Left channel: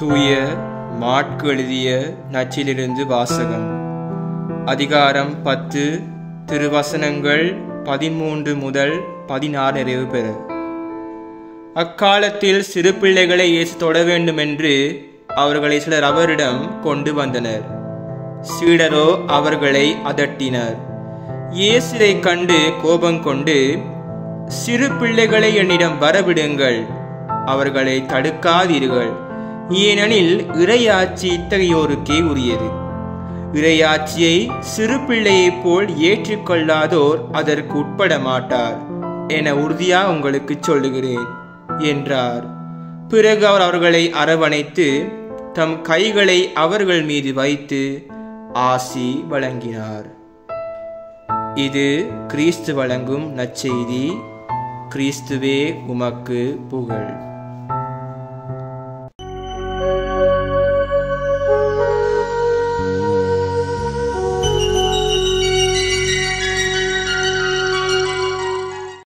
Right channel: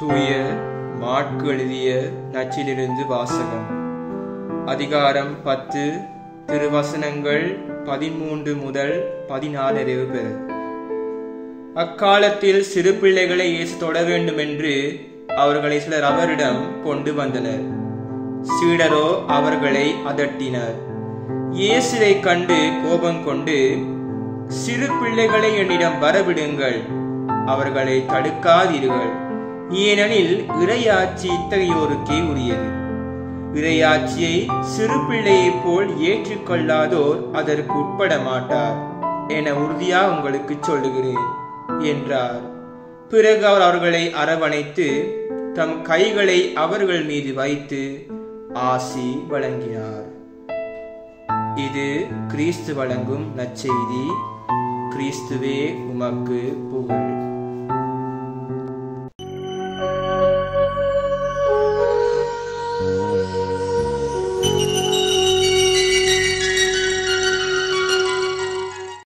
தூய மாற்கு எழுதிய நச்சிலிருந்து வாசகம். அதிகாரம் 10, திருவசனங்கள் 13 முதல் 16 நிறைவு பெற. அக்காலத்தில் சிறு பிள்ளைகளை இயேசு தொட வேண்டும் என்று அவர்களை சிலர் அவரிடம் கொண்டு வந்தனர். சீடரோ அவர்களை அதட்டினர். இயேசுவை கண்டு கோபம் கொண்டு, சிறு பிள்ளைகளை என்னிடம் வரவிடுங்கள், அவர்களை தடுக்காதீர்கள், ஏனெனில் இறையாட்சி இத்தகையோருக்கே உரியது. இறையாட்சியை சிறு பிள்ளையைப் போல் ஏற்றுக்கொள்ளாதோர் அதற்கு உட்பட மாட்டார் என உறுதியா உங்களுக்கு சொல்லுகிறேன் என்றார். பிறகு அவர் அவர்களை அரவணைத்து தம் கைகளை அவர்கள் மீது வைத்து ஆசி வழங்கினார். இது கிறிஸ்து வழங்கும் நற்செய்தி. கிறிஸ்துவே உமக்கு புகழ்.